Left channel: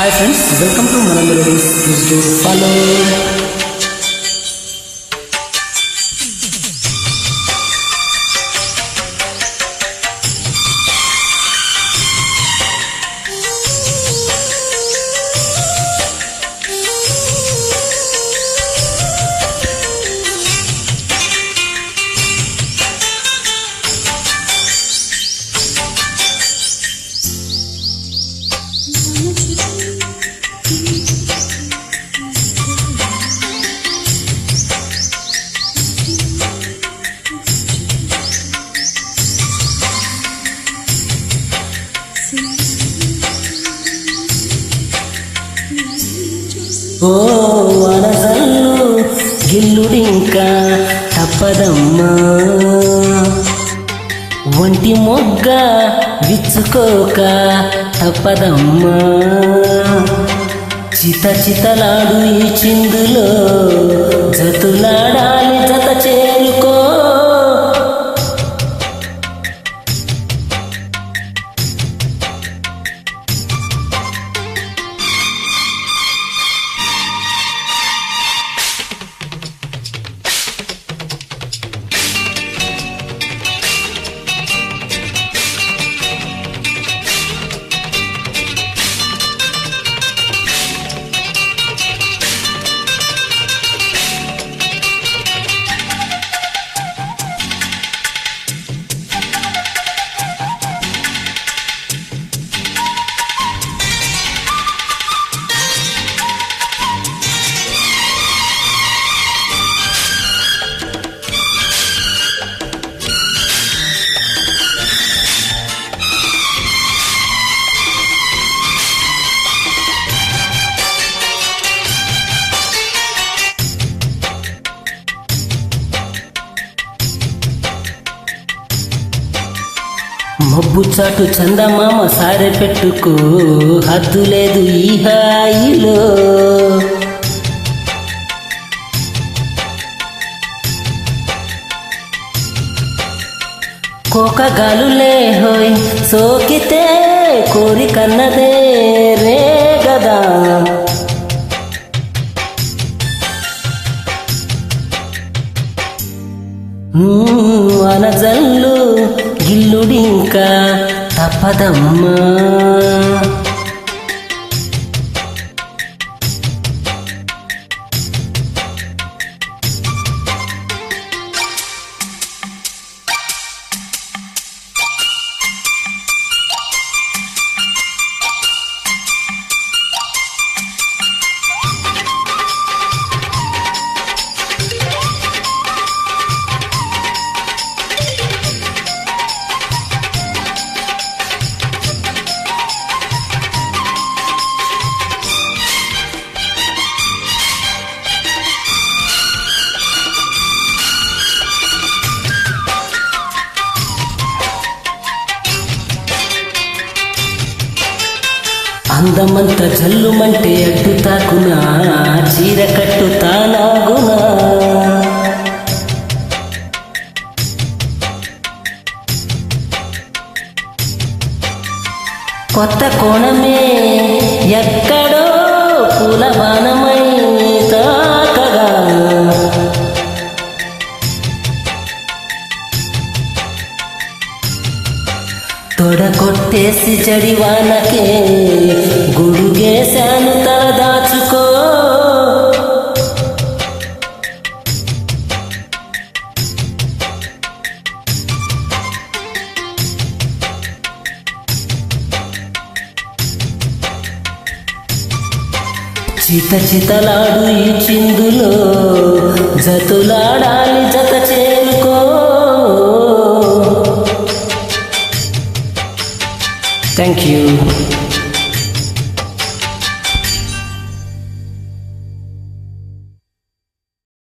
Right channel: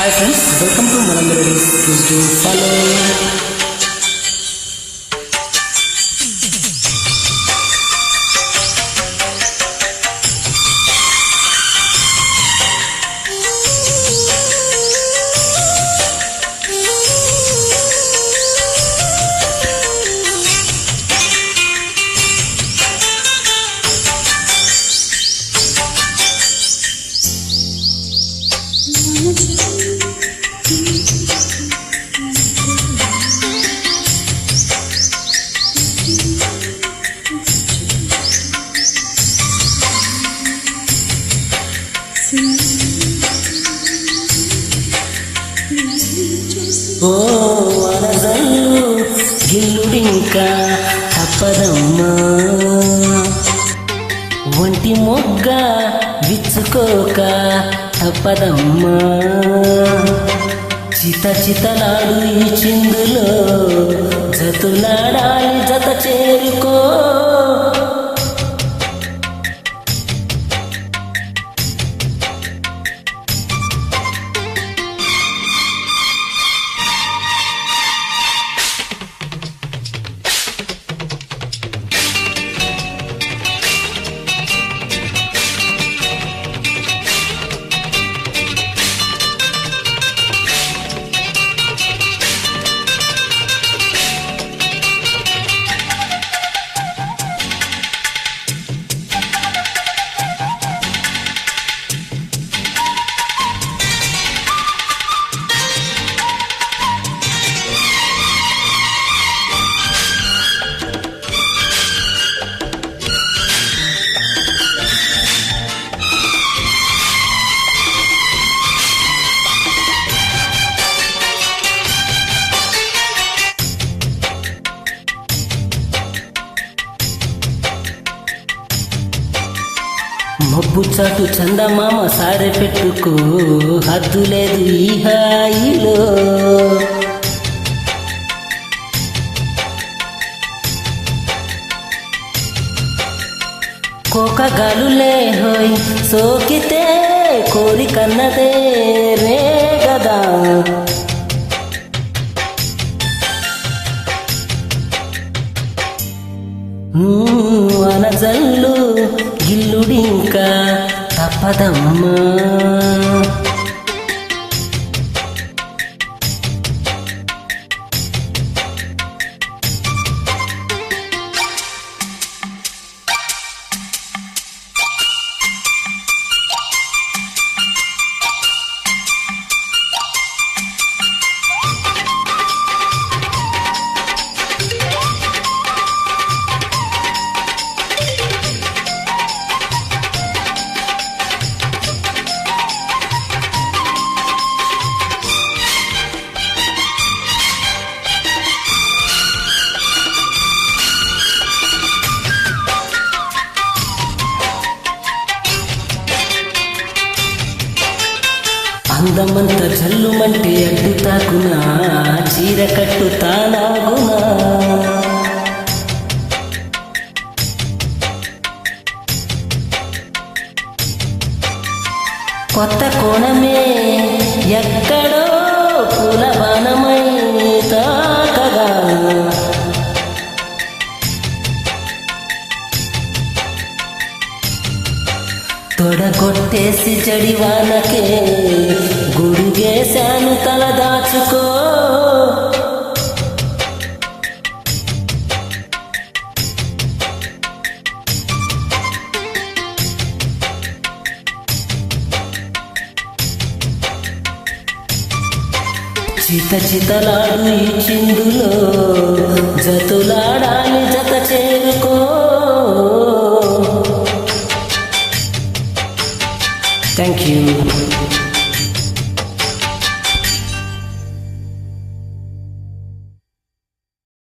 Hi friends, welcome to Mana Melodies. Please do follow. ఓ వనజల్లు గిల్లుడింకా తప్పదమ్మా, ఒంటి మొగ్గ విచ్చుకోక తప్పదమ్మా. చిత చితలాడు ఈ చిందులో జతులాడాలి జత చేరుకో. మబ్బు చాటు చందమామ సారె పెట్టుకో, హద్దు లేదు ఈ హాయిలో. కోకగాలులే హోయ్ సోకితే కోరికన్నదే రే గదా. వనజల్లు గిల్లుడింకా తప్పదమ్మా. అందమంత జల్లుమంటే అడ్డు తాకునా, చీర కట్టు తానాగునా. కొత్త కోణమే ఎక్కడో పూలబాణమై తాకగా. తొడగొట్టేసి జడివానకే గొడుగేశాను తల దాచుకో. చిత చితలాడు ఈ చిందులో జతులాడాలి జత చేరుకో. Thank you.